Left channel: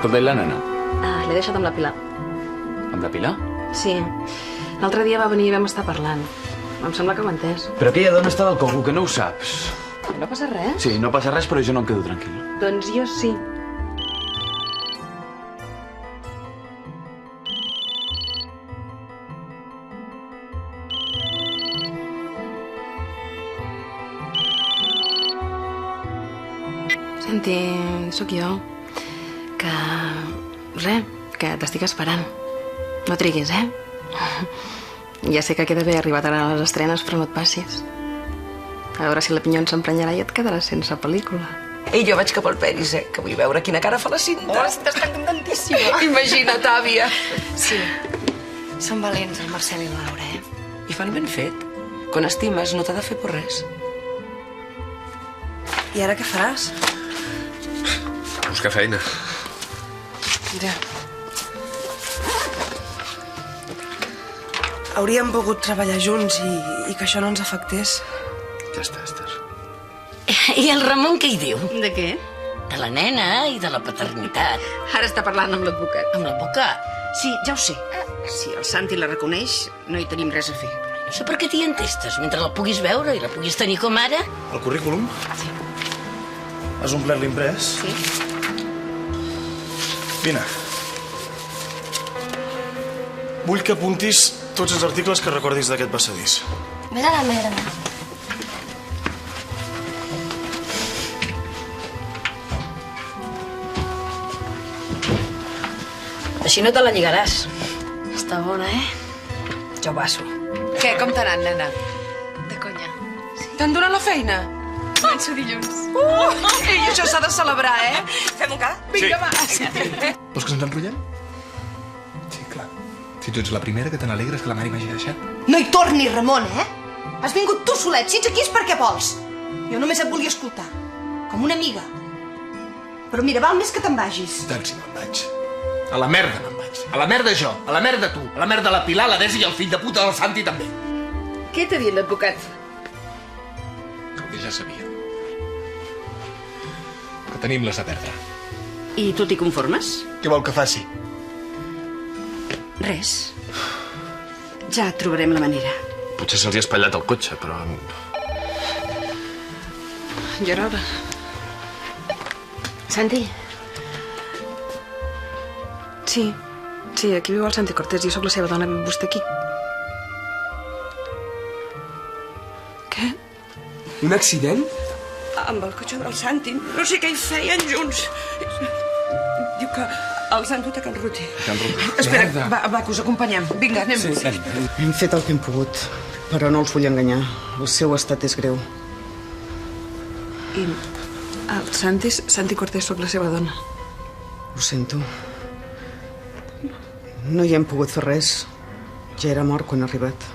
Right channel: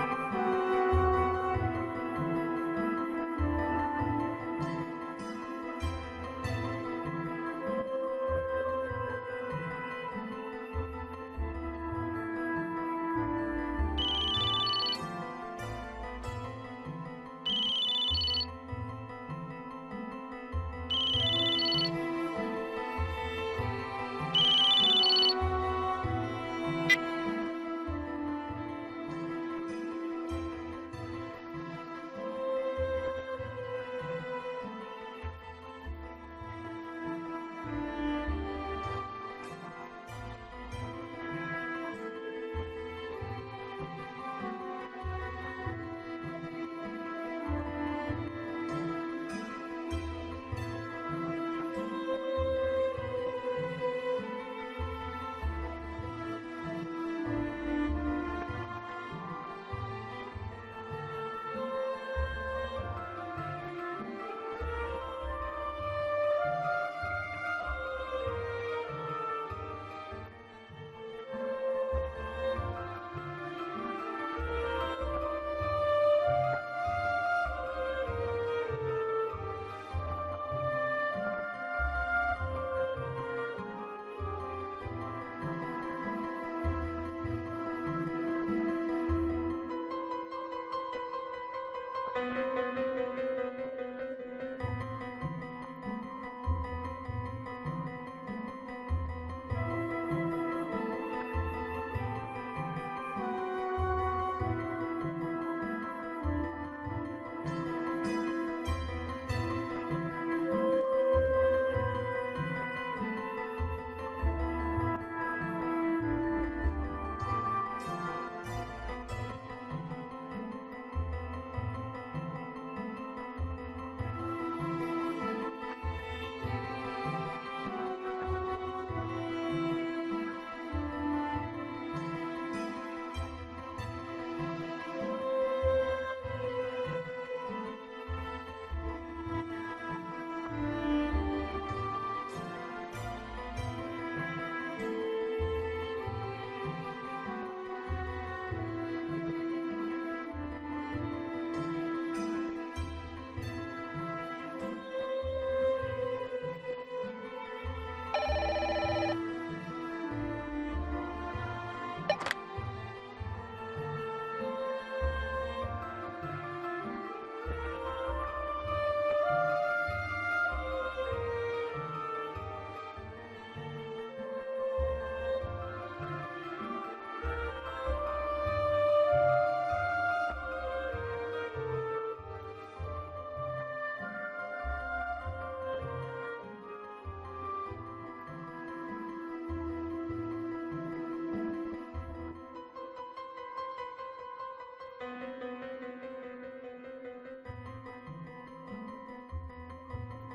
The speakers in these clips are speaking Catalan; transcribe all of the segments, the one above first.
Escolta, i la nena? L'he deixat amb la Pilar. Amb la Pilar? Sí. L'altre dia va venir i vam estar parlant. Em sembla que m'ha entès. Però aquella dona està del coco, que no ho saps. No passa res? Sí, no passa res, però jo no em quedo tranquil. Doncs jo sí. Santi, sóc jo. Que t'estic esperant. No triguis, Ja sé que queda bé arribat ara a les estrenes, però no et passis. A veure si la Pinyon s'emprenyarà i et quedaràs sense pel·lícula. I jo vaig cap al Peris, que vull veure quina cara fa la Cinta. Ostres, està contentíssima. Imagina't, àvia. Sí. Són valents, el Marcel i la Laura, I fan ben fet. Quan estimes no t'ha de fer por res. I ara què faràs? Buscar feina. Ja. Hauríem pogut treballar junts i que això no ens afectés. Ja està, Esther. I el Ramon què hi diu? De què? De la nena i de la paternitat. Ara està parlant amb l'advocat. Amb l'advocat. Sí, ja ho sé. Si el Santi la reconeix, no hi tenim res a fer. No sé per què t'hi entestes, mentre la puguis veure i la puguis tenir com ara. El currículum? Sí. Has omplert l'imprès? Sí. Vine. Vull que apuntis tots els articles que recordis d'aquest passadís. Vés a la merda. Així no te la lligaràs. Està bona, Jo passo. Què, com t'ha anat, nena? De conya. T'han donat la feina? Començo dilluns. Ei, això s'ha de celebrar, Fem un ca? Vinga, va. Vols que ens enrotllem? Sí, clar. Si tu ets la primera que te n'alegres que la mare m'hagi deixat. No hi tornis, Ramon, Has vingut tu solet. Si ets aquí és perquè vols. Jo només et volia escoltar. Com una amiga. Però mira, val més que te'n vagis. Doncs si me'n vaig. A la merda me'n vaig. A la merda jo, a la merda tu, a la merda la Pilar, la Desi i el fill de puta del Santi també. Què t'ha dit l'advocat? Que ja sabia. Que tenim les a perdre. I tu t'hi conformes? Què vol que faci? Res. Ja trobarem la manera. Potser se'ls ha espatllat el cotxe, però... Ja era hora. Santi? Sí, aquí viu el Santi Cortés. Jo sóc la seva dona. Vostè aquí? Què? Un accident? Amb el cotxe del Santi. No sé què hi feien junts. Diu que els han dut a Can Ruti. Espera, va, que us acompanyem. Vinga, anem. Sí. Hem fet el que hem pogut, però no els vull enganyar. El seu estat és greu. I el Santi Cortés, sóc la seva dona. Ho sento. No hi hem pogut fer res. Ja era mort quan ha arribat.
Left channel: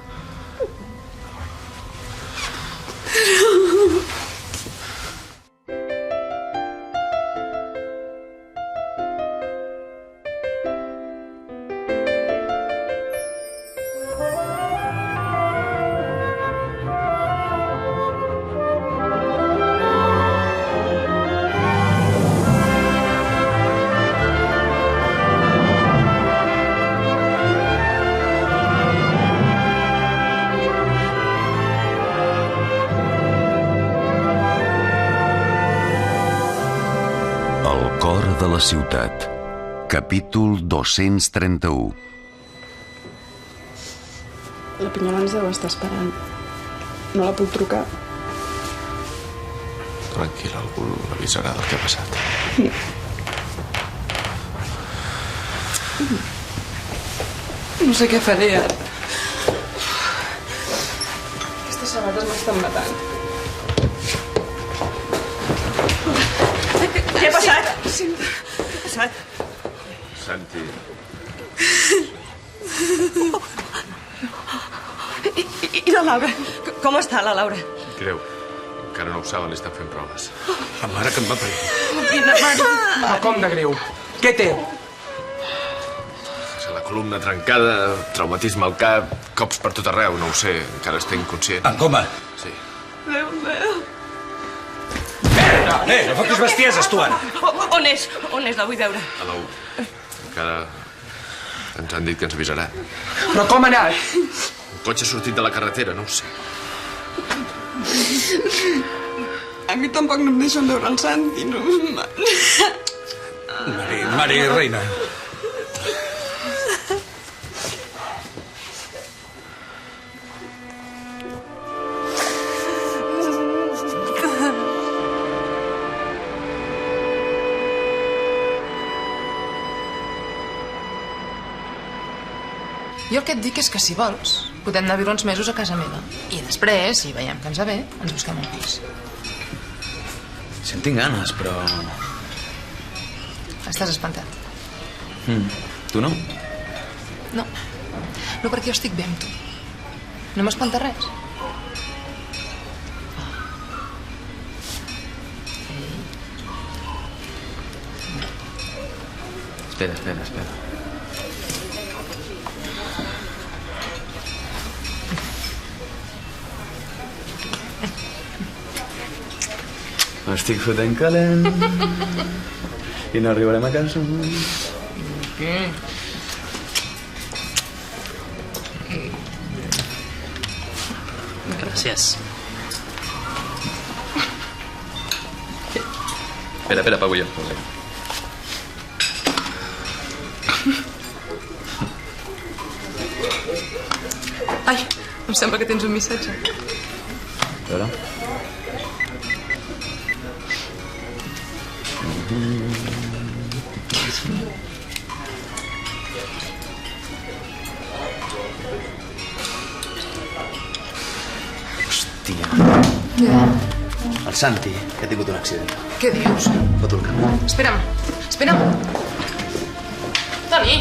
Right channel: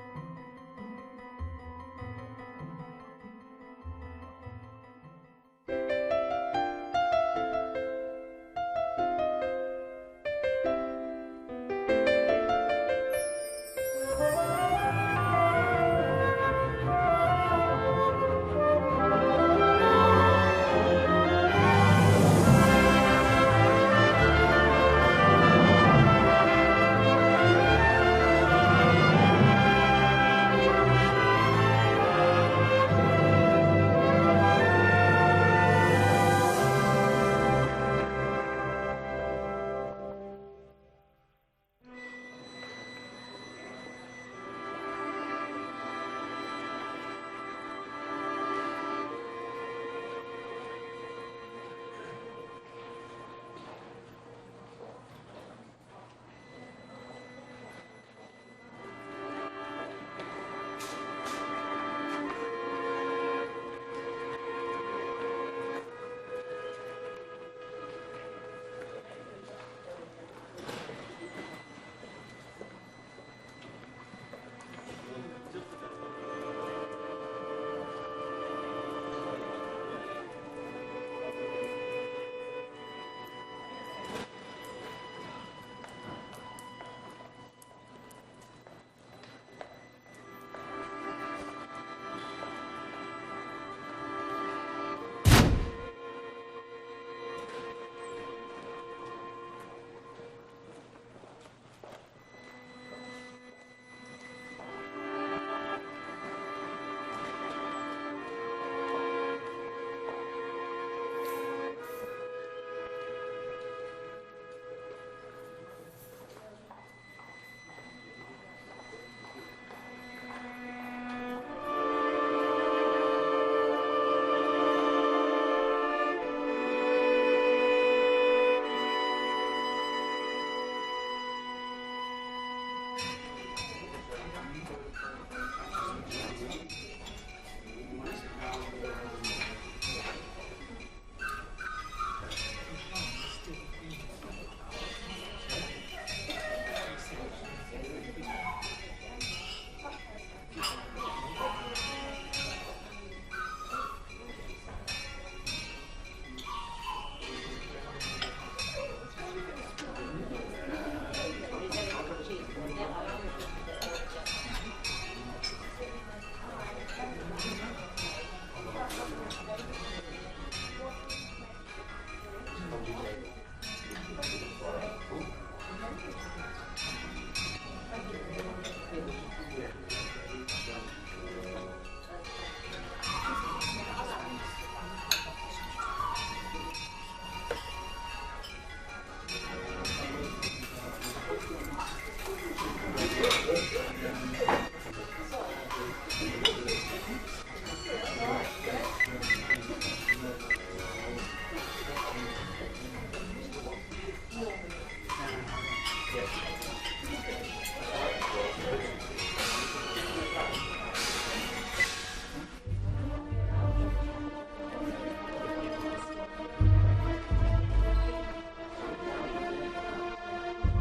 ciutat. Capítol 231. La Pinyona ens deu estar esperant. No la puc trucar. Tranquil, algú l'avisarà del que ha passat. No sé què faré ara. Aquestes sabates m'estan matant. Què ha passat? Què ha passat? Santi. I la Laura? Com està la Laura? Greu. Encara no ho saben, li estan fent proves. La mare que em va parir. Quina mare? Ah, com de greu? Què té? La columna trencada, traumatisme al cap, cops per tot arreu, no ho sé. Encara està inconscient. En coma? Sí. Déu meu. No fotis bestieses, tu, ara. On és? On és? La vull veure. A la 1. Encara ens han dit que ens avisarà. Però com ha anat? El cotxe ha sortit de la carretera, no ho sé. A mi tampoc no em deixen veure el Santi, no? Mari, reina. Jo el que et dic és que, si vols, podem anar a viure uns mesos a casa meva. I després, si veiem que ens va bé, ens busquem un pis. Si en tinc ganes, però... Estàs espantat? Tu no? No. No, perquè jo estic bé amb tu. No m'espanta res. Espera. M'estic fotent calent i no arribarem a casa. Gràcies. Espera, pago jo. Ai, em sembla que tens un missatge. A veure. Hòstia. Ja. El Santi, que ha tingut un accident. Què dius? Foto el carrer. Espera'm. Toni!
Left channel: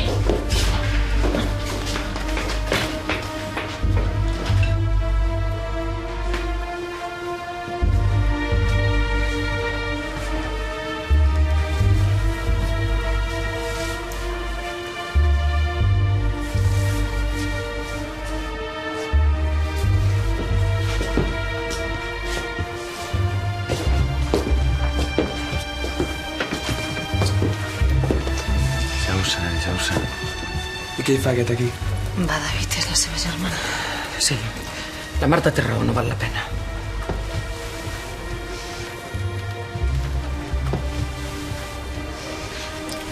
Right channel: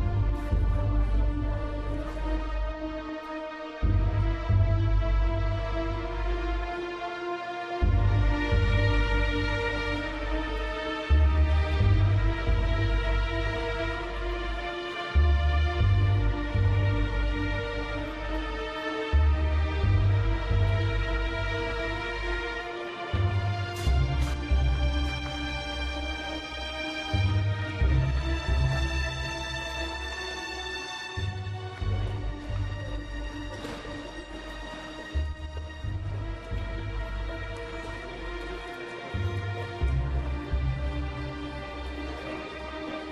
Ja ho sé. I què hi fa aquest aquí? Va, David, és la seva germana. Sí, la Marta té raó, no val la pena.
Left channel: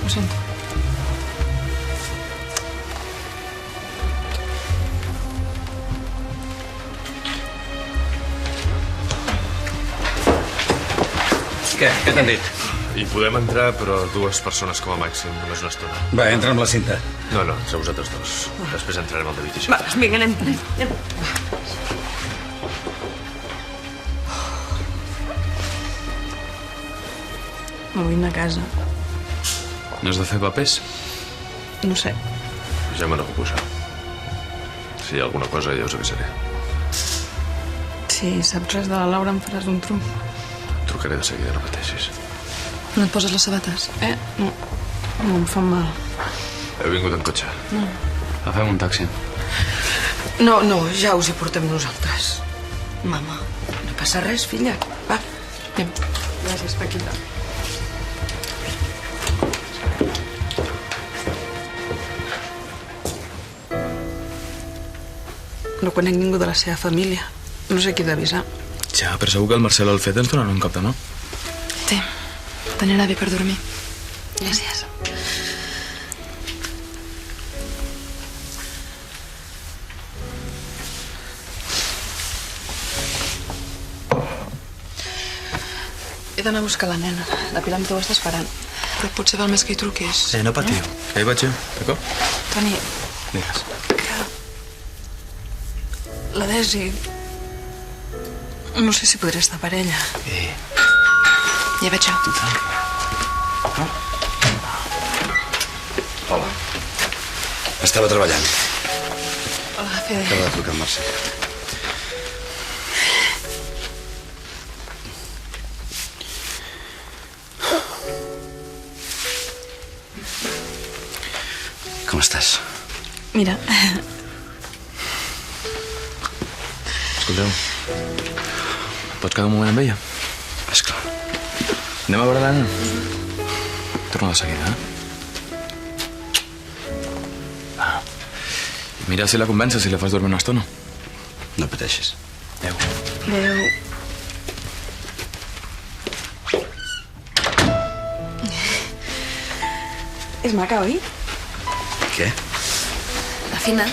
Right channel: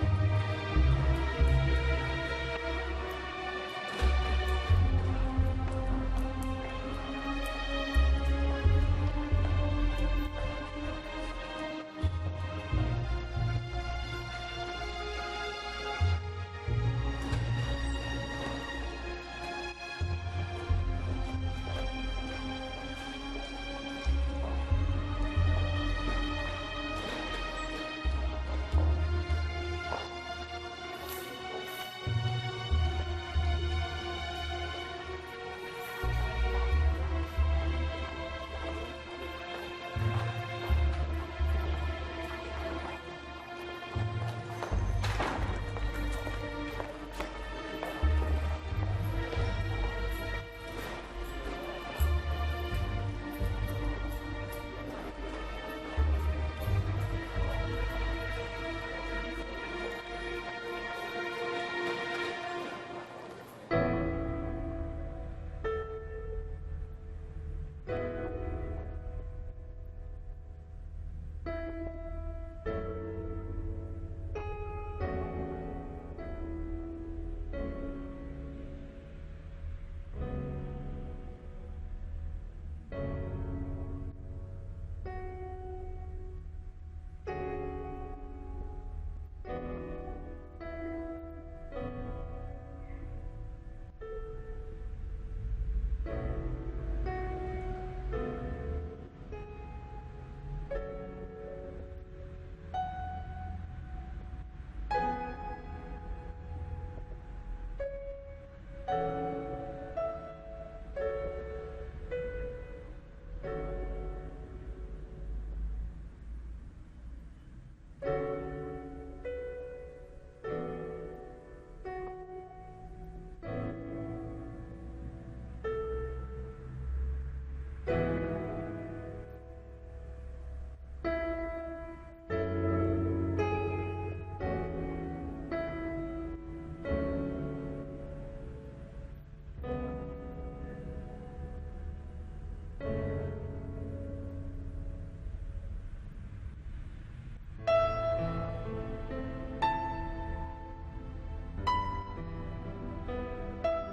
Ho sento. Què t'han dit? Hi podem entrar, però 2 persones com a màxim, només una estona. Va, entra amb la cinta. No, entre vosaltres 2. Després entrarem al David i això. Va, vinga, anem. Vull anar a casa. No has de fer papers? No sé. Ja me n'ocupo, això. Si hi ha alguna cosa, ja us avisaré. Si saps res de la Laura, em faràs un trum. Trucaré de seguida, no pateixis. No et poses les sabates? No. No, em fan mal. Heu vingut en cotxe? No. Agafem un taxi. No, ja us hi portem nosaltres. Mama, no passa res, filla. Va. Anem. Gràcies, Paquita. No conec ningú de la seva família. No sé qui d'avisar. Ja, però segur que el Marcel Alfet ens donarà un cop de mà. Té, t'anirà bé per dormir. Gràcies. He d'anar a buscar la nena. La Pilar ho està esperant. Però potser val més que hi truquis. No patiu, que hi vaig jo, d'acord? Toni, Digues. la Desi... No sé si podré estar per ella. Ja veig jo. Tu tranquil. Hola. Estava treballant. Hola, Fede. Acaba de trucar en Marcel. Com estàs? Mira, Escolteu, pots quedar un moment amb ella? Esclar. Anem a veure l'Anna? Torna de seguida, eh? Mira si la convences, si la fas dormir una estona. No pateixis. Adéu. Adéu. És maca, oi? Què? La Fina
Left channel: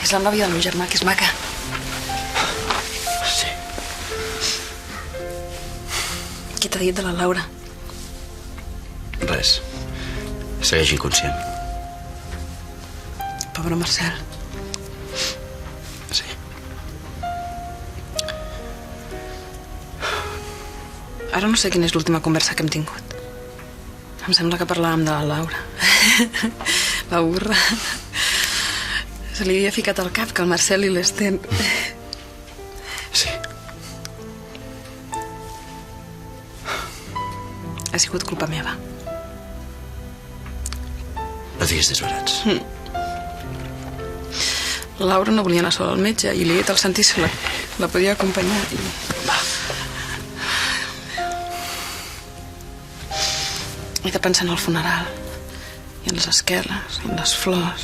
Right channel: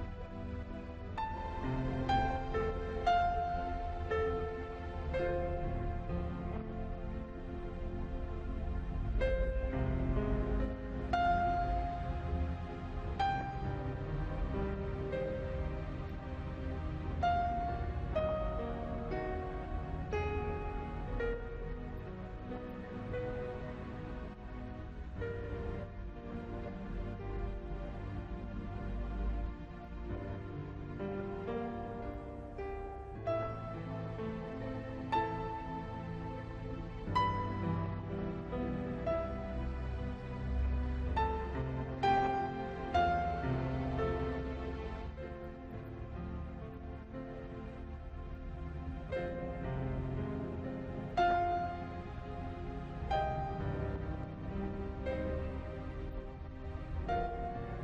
és la nòvia del meu germà, que és maca. Sí. Qui t'ha dit de la Laura? Res. Segueix inconscient. Pobre Marcel. Sí. Ara no sé quina és l'última conversa que hem tingut. Em sembla que parlàvem de la Laura. La burra. Se li havia ficat al cap que el Marcel i l'Sten... Sí. Ha sigut culpa meva. No diguis desbarats. La Laura no volia anar sola al metge i li he dit al Santi si la podia acompanyar. He de pensar en el funeral, i en les esqueles, i en les flors,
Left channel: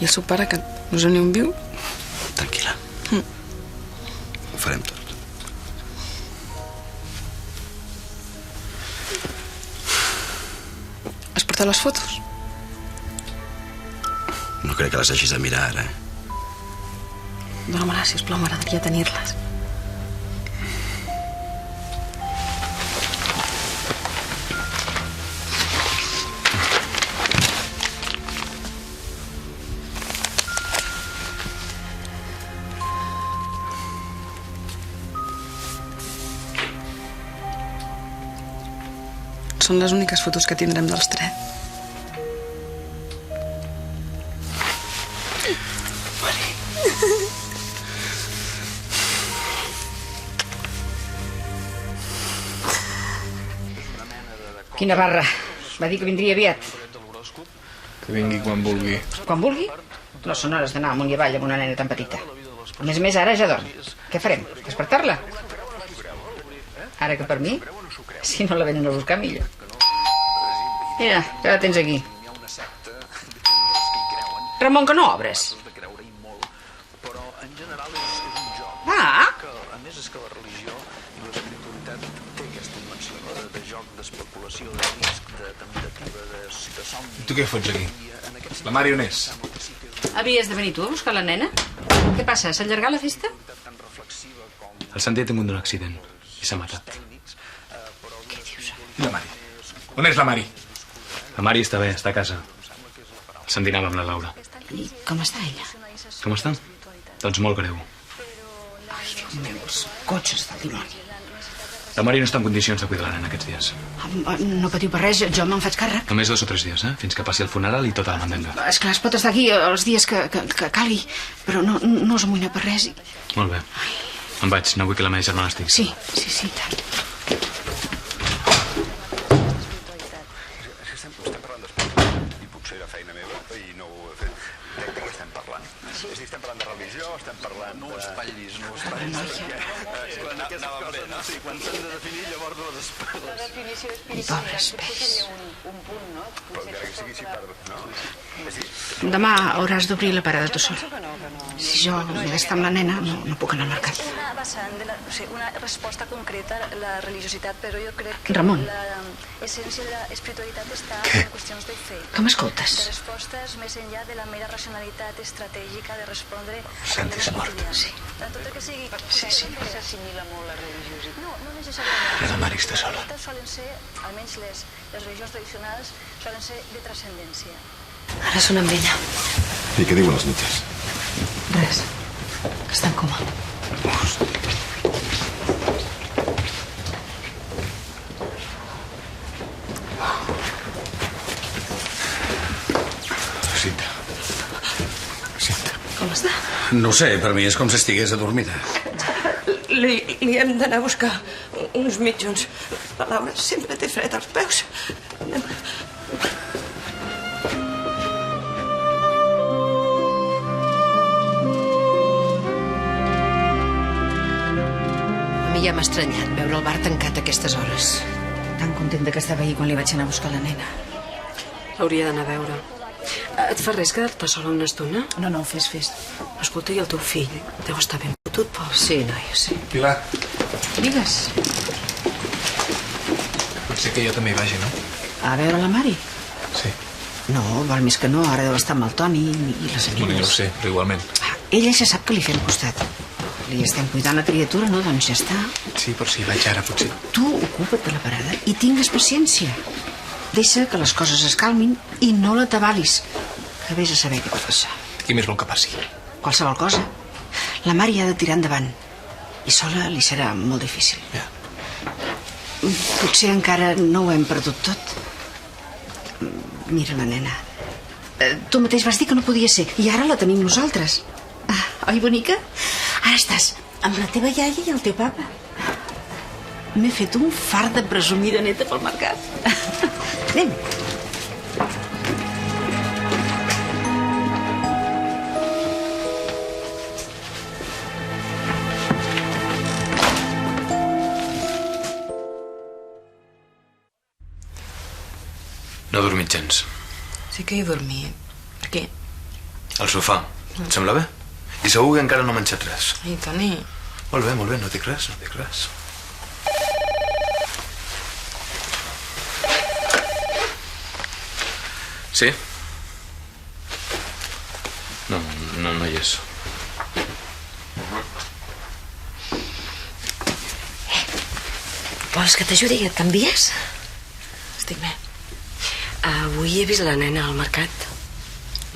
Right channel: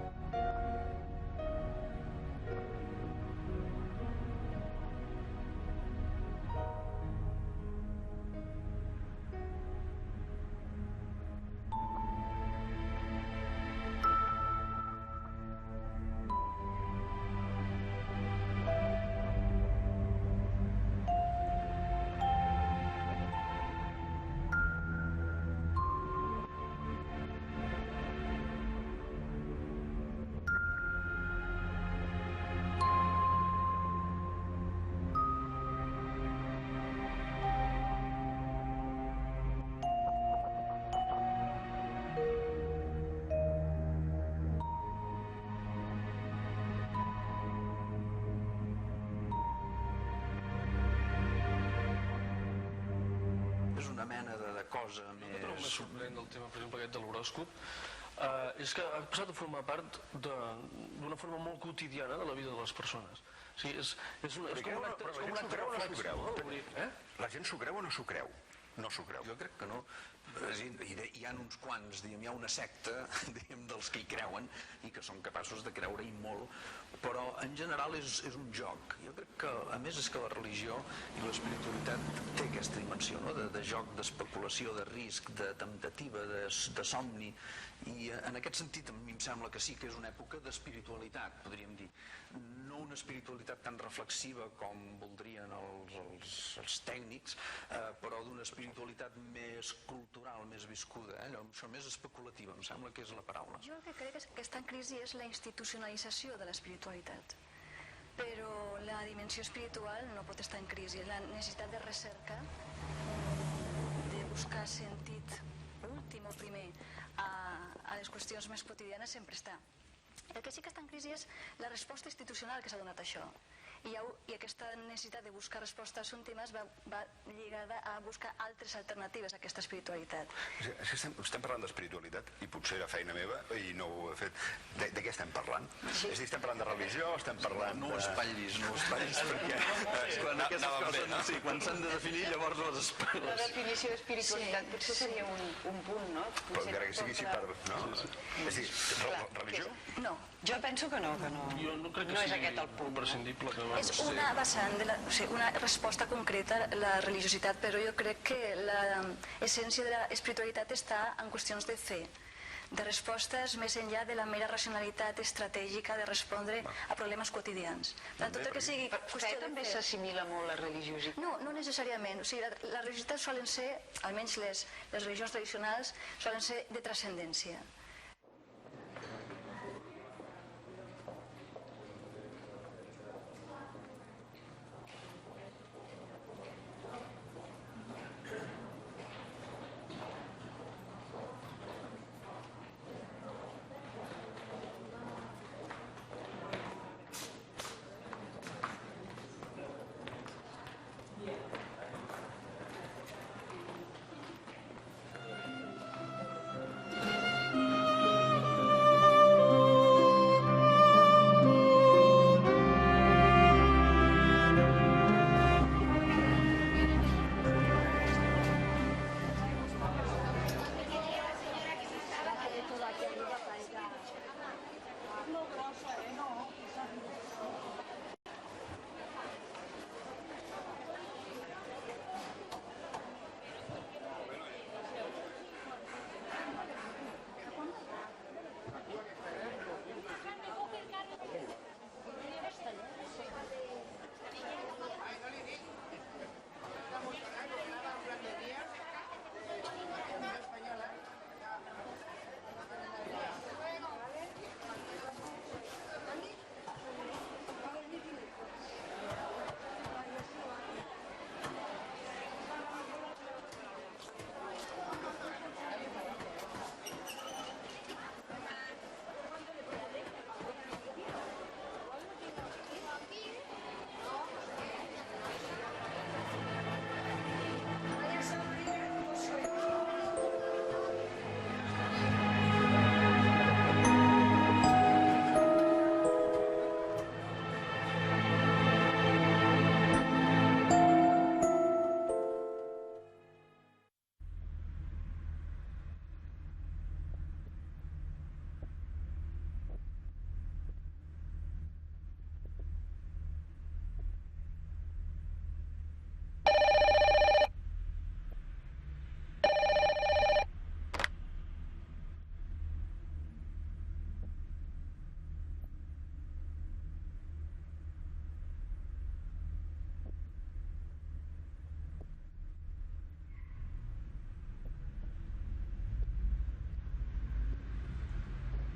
i el seu pare, que no és ni un viu. Tranquil·la. Ho farem tot. Has portat les fotos? No crec que les hagis de mirar ara. Dóna-me-les, sisplau, m'agradaria tenir-les. Són les úniques fotos que tindrem dels tres. Quina barra. Va dir que vindria aviat. Que vingui quan vulgui. Quan vulgui? No són hores d'anar amunt i avall amb una nena tan petita. A més, ara ja dorm. Què farem? Despertar-la? Ara que per mi, si no la venen a buscar, millor. Mira, ja la tens aquí. Ramon, que no obres. Però en general és un joc. Ah! A més, és que la religió i l'espiritualitat té aquesta dimensió, no? De joc, d'especulació, de risc, de temptativa, de somni. Tu què fots aquí? La Mari on és? Havies de venir tu a buscar la nena? Què passa, s'ha allargat la festa? El Santi ha tingut un accident i s'ha matat. I la Mari? On és la Mari? La Mari està bé, està a casa. Se'n dinava amb la Laura. I com està ella? Com està? Doncs molt greu. Els cotxes del dimoni. La Mari no està en condicions de cuidar-la en aquests dies. No patiu per res, jo me'n faig càrrec. Només 2 o 3 dies, fins que passi el funeral i tota la mandenda. Esclar, es pot estar aquí els dies que calgui, però no us amoïneu per res. Molt bé. Em vaig, no vull que la meva germana estigui. Sí, tant. Estem parlant d'espiritualitat i potser era feina meva i no ho he fet. De què estem parlant? És a dir, estem parlant de religió, estem parlant de... No ho espatllis, perquè quan aquestes coses, no? Sí, quan s'han de definir, llavors les espatlles. La definició d'espiritualitat potser seria un punt, no? Però encara que sigui així, no? És dir... Demà hauràs d'obrir la parada tu sol. Penso que no. Si jo he d'estar amb la nena, no puc anar al mercat. És una vessant, una resposta concreta a la religiositat, però jo crec que Ramon. l'essència de l'espiritualitat està en qüestions de fe. Que m'escoltes? De respostes més enllà de la mera racionalitat estratègica de respondre a problemes quotidians. En tot el que sigui... Potser també s'assimila molt la religiositat. No necessàriament. La Mari està sola. Les religions solen ser, almenys les religions tradicionals, solen ser de transcendència. Ara sona amb ella. I què diuen els metges? Res. Que està en coma. Com està? No ho sé, per mi és com si estigués adormida. Li hem d'anar a buscar uns mitjons. La Laura sempre té fred als peus. A mi ja m'ha estranyat veure el bar tancat a aquestes hores. Tan contenta que estava ahir quan li vaig anar a buscar la nena. Hauria d'anar a veure. Et fa res quedar-te sola una estona? No, fes. Escolta, i el teu fill? Deu estar ben fotut, Pol. Sí, noia, sí. Pilar, Digues. pot ser que jo també hi vagi, no? A veure la Mari? Sí. No, val més que no. Ara deu estar amb el Toni i les Bueno, amigues. ja ho sé, però igualment. Ella ja sap que li fem costat. Li estem cuidant la criatura, no? Doncs ja està. Sí, però si hi vaig ara, potser. Tu ocupa't de la parada i tingues paciència. Deixa que les coses es calmin i no la tabalis, que vés a saber què pot passar. Què més vol que passi? Qualsevol cosa. La Mari ha de tirar endavant i sola li serà molt difícil. Ja. Potser encara no ho hem perdut tot. Mira la nena. Tu mateix vas dir que no podia ser i ara la tenim nosaltres. Oi, bonica? Ara estàs amb la teva iaia i el teu papa. M'he fet un fart de presumida neta pel mercat. Anem. No he dormit gens. Sí que hi he dormit. Per què? Al sofà. Et sembla bé? I segur que encara no he menjat res. Ai, Toni. Molt bé, no dic res, no dic res. Sí? No hi és. Vols que t'ajudi i et canvies? Estic bé. Avui he vist la nena al mercat.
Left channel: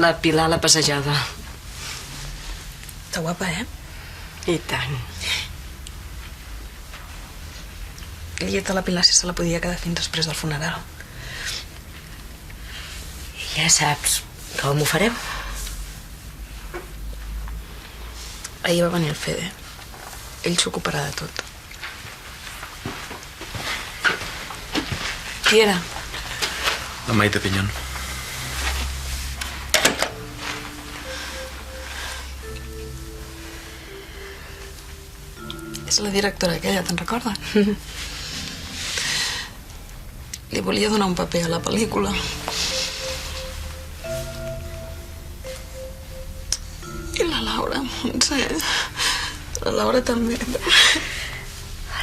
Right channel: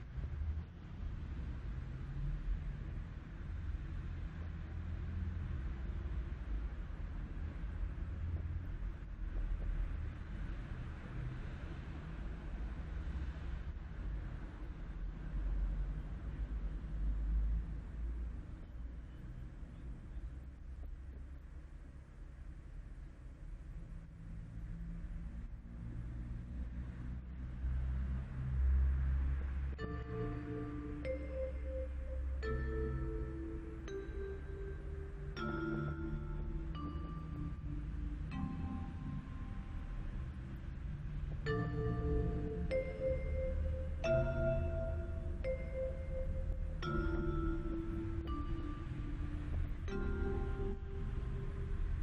La Pilar a la passejada. Està guapa, eh? I tant. He dit a la Pilar si se la podia quedar fins després del funeral. Ja saps com ho farem. Ahir va venir el Fede. Ell s'ocuparà de tot. Qui era? La Maite Pinyón. És la directora aquella, te'n recordes? Li volia donar un paper a la pel·lícula. I la Laura, Montse. La Laura també.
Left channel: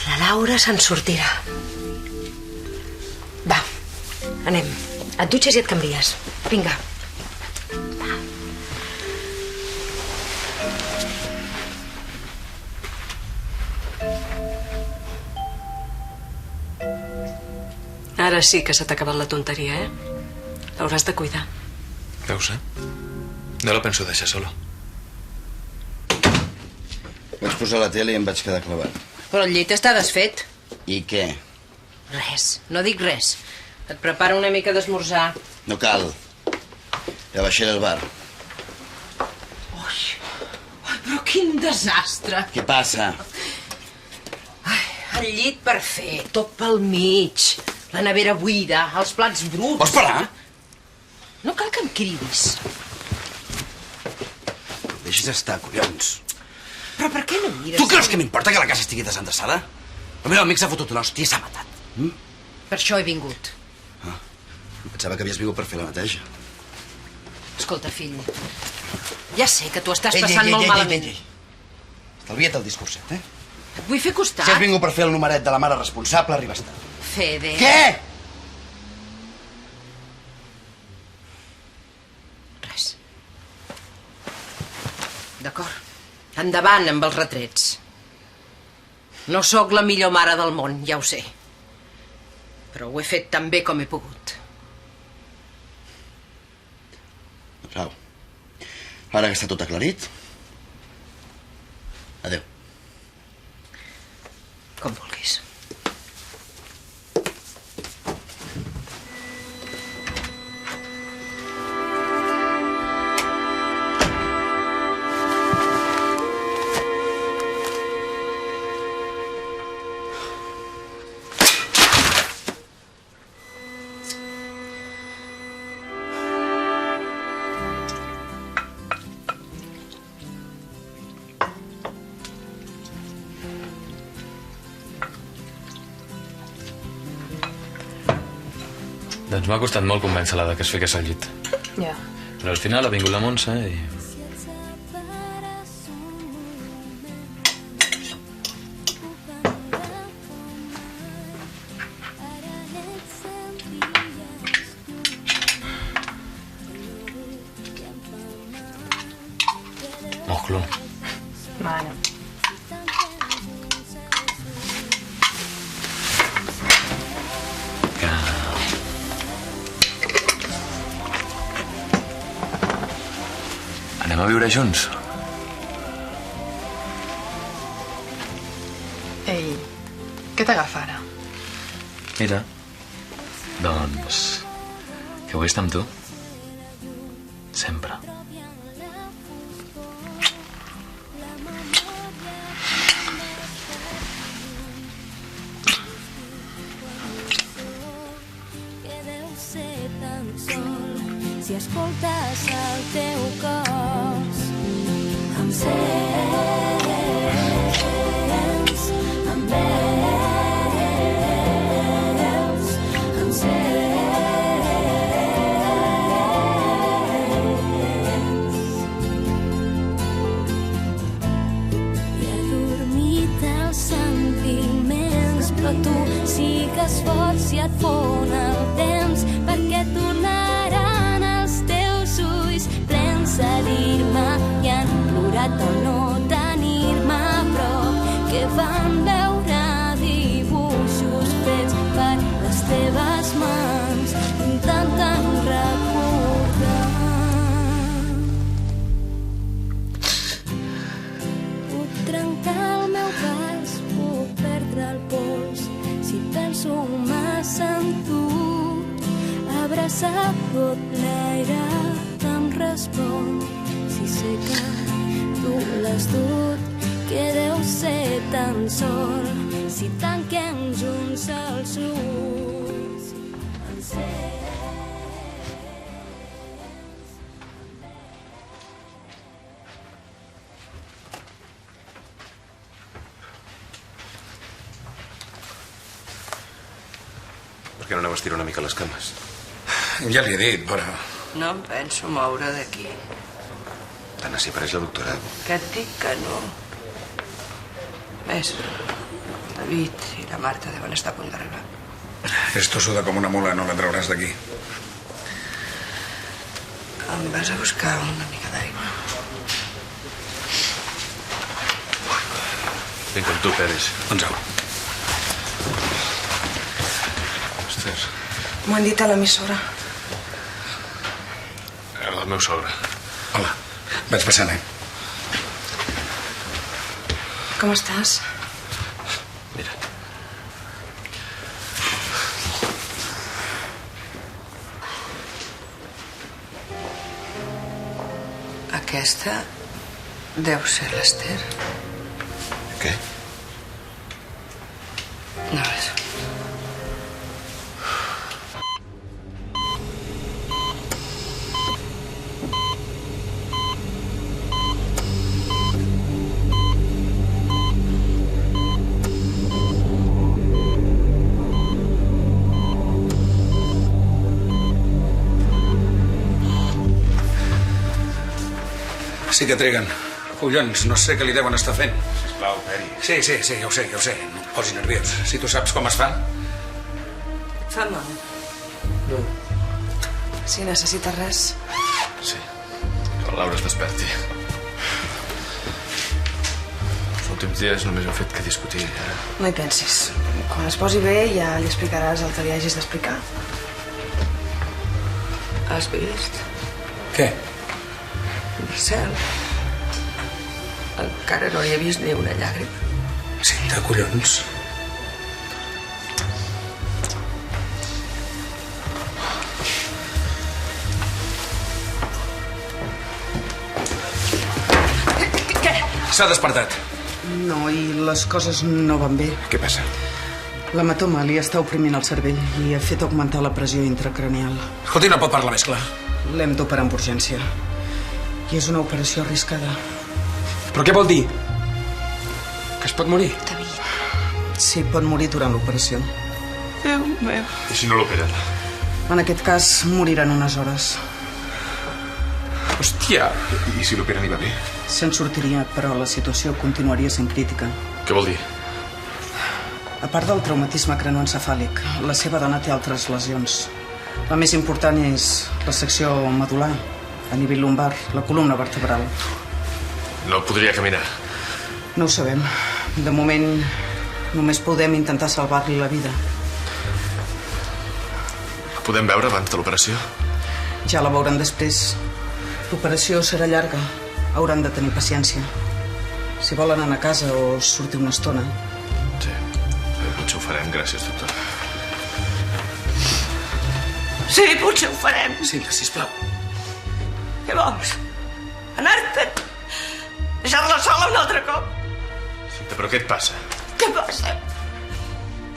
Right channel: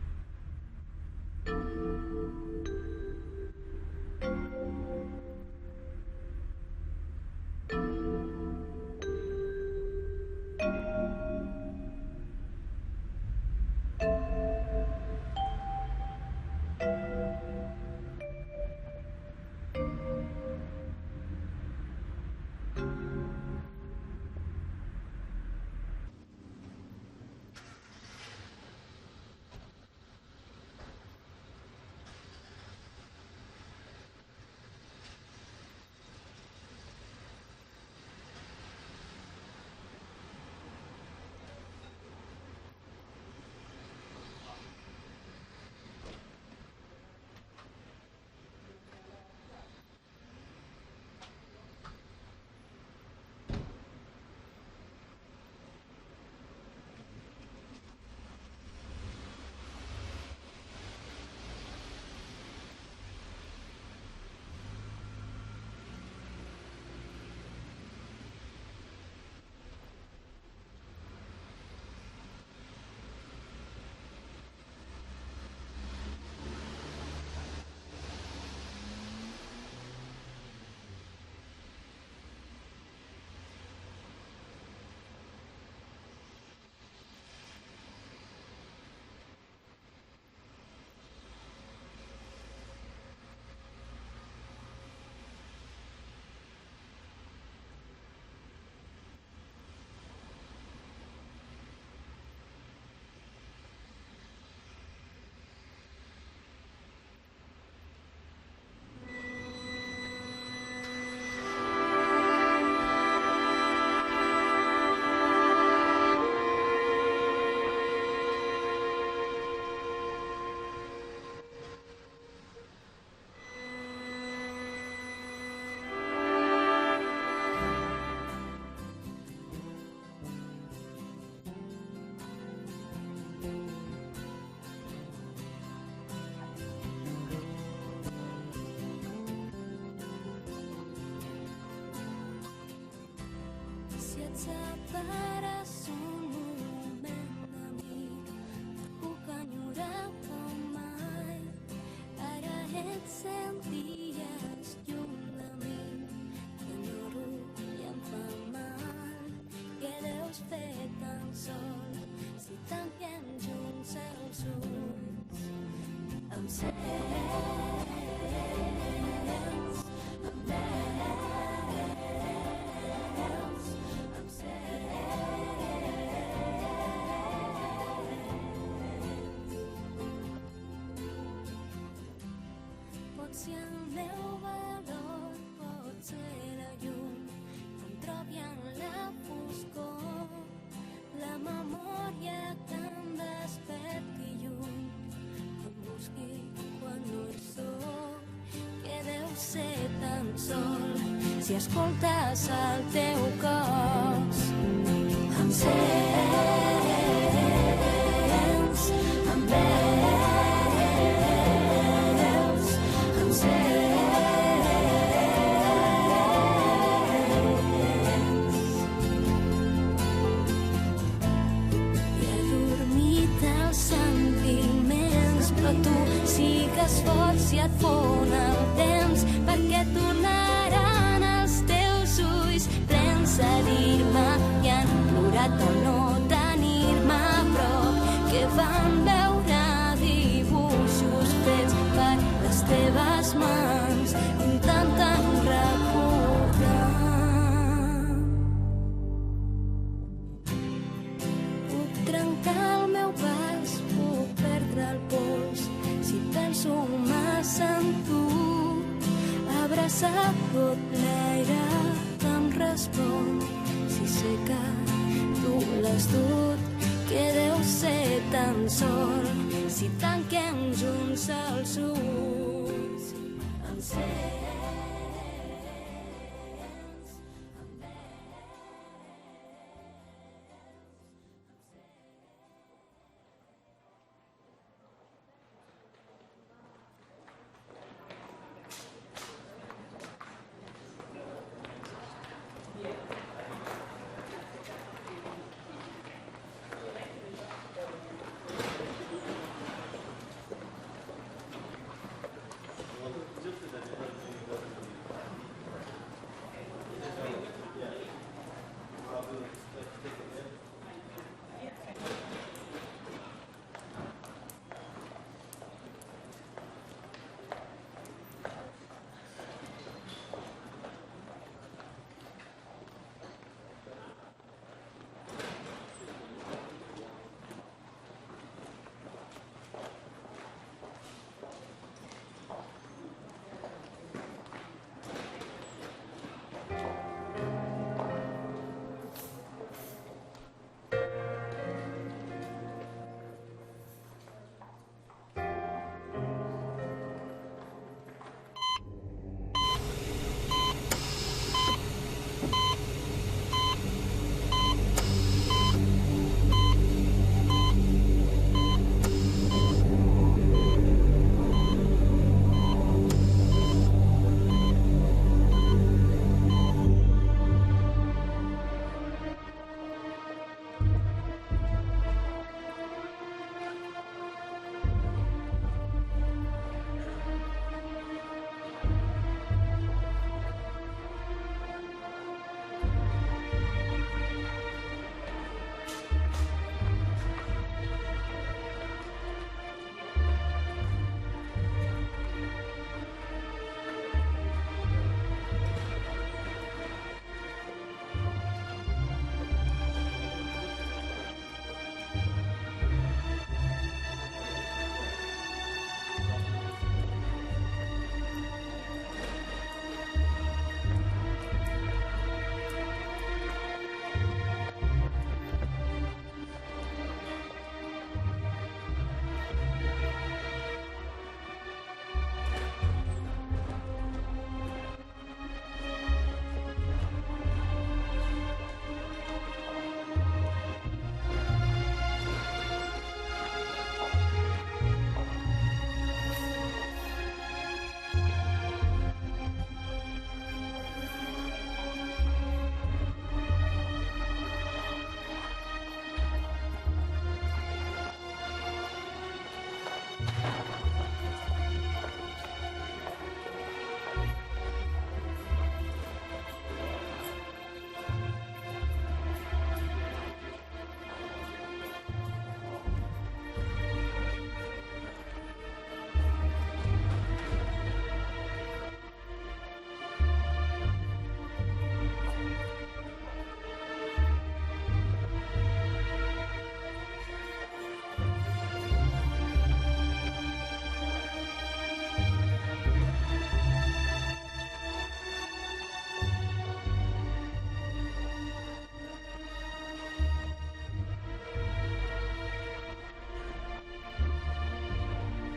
La Laura se'n sortirà. Va, anem. Et dutxes i et canvies. Vinga. Ara sí que se t'ha acabat la tonteria, eh? L'hauràs de cuidar. Veus, eh? No la penso deixar sola. Vaig posar la tele i em vaig quedar clavat. Però el llit està desfet. I què? Res, no dic res. Et preparo una mica d'esmorzar. No cal. Ja baixaré al bar. Ai, però quin desastre. Què passa? El llit per fer, tot pel mig. La nevera buida, els plats bruts. Vols parar? No cal que em cridis. Deixes estar, collons. Però per què no mires? Tu creus que m'importa que la casa estigui desendreçada? El meu amic s'ha fotut una hòstia i s'ha matat. Per això he vingut. Pensava que havies vingut per fer la neteja. Escolta, fill, ja sé que t'ho estàs passant molt malament. Estalvia't el discurset, eh? Et vull fer costat. Si has vingut per fer el numeret de la mare responsable, arribes tard. Fede. Què? Res. D'acord. Endavant amb els retrets. No sóc la millor mare del món, ja ho sé. Però ho he fet tan bé com he pogut. Au. Ara que està tot aclarit... Adéu. Com vulguis. Doncs m'ha costat molt convèncer-la que es fiqués al llit. Ja. Però al final ha vingut la Montse i... Mojlo. Bueno. Anem a viure junts? Ei, què t'agafa ara? Mira, doncs... que vull estar amb tu. Sempre. Si escoltes el teu cos, em sents, em veus, em sents. I adormit els sentiments, però tu sigues fort si et fon el temps, perquè tornaran els teus ulls plens a dir-me que han plorat al no tenir-me a prop, que van veure dibuixos fets per les teves mans, intentant recordar. Puc trencar el meu pas, puc perdre el pols, si penso massa en tu, abraçat tot l'aire em respon, si sé que tu l'has dut, que deu ser tan sol, si tanquem junts els ulls, em sents. Per què no aneu a estirar una mica les cames? Ja li he dit, però... No em penso moure d'aquí. Tant s'hi apareix la doctora. Que et dic que no. Més, David i la Marta deuen estar a punt d'arribar. És tossuda com una mula, no la trauràs d'aquí. Em vas a buscar una mica d'aigua. Vinc amb tu, Peris. Doncs au. Esther, M'ho han dit a l'emissora. era el meu sogre. Hola, vaig passant, Com estàs? Mira. Aquesta deu ser l'Ester. Què? No res. Sí que triguen. Collons, no sé què li deuen estar fent. Sisplau, Peri. Sí, ja ho sé. No et posis nerviós. Si tu saps com es fa... Fa mal. Si necessites res... Sí. Que la Laura es desperti. Els últims dies només ha fet que discutir. No hi pensis. Quan es posi bé ja li explicaràs el que li hagis d'explicar. Has vist? Què? El cel. Encara no hi he vist ni una llàgrima. Sí, de collons. Què? S'ha despertat. No, i les coses no van bé. Què passa? L'hematoma li està oprimint el cervell i ha fet augmentar la pressió intracranial. Escolti, no pot parlar més clar. L'hem d'operar amb urgència. I és una operació arriscada. Però què vol dir? Que es pot morir? Sí, pot morir durant l'operació. Déu meu. I si no l'operen? En aquest cas, moriran unes hores. Hòstia! I si l'operen hi va bé? Se'n sortiria, però la situació continuaria sent crítica. Què vol dir? A part del traumatisme cranoencefàlic, la seva dona té altres lesions. La més important és la secció medular, a nivell lumbar, la columna vertebral. No podria caminar. No ho sabem. De moment, només podem intentar salvar-li la vida. La podem veure abans de l'operació? Ja la veuran després. L'operació serà llarga. Hauran de tenir paciència. Si volen anar a casa o sortir una estona. Sí, potser ho farem. Gràcies, doctor. Sí, potser ho farem. Sílvia, sisplau. Què vols? Anar-te'n? Deixar-la sola un altre cop? Però què et passa? Què passa?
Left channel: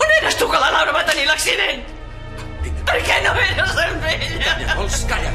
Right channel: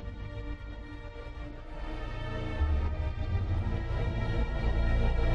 On eres tu que la Laura va tenir l'accident? Per què no eres amb ella? Vols? Calla.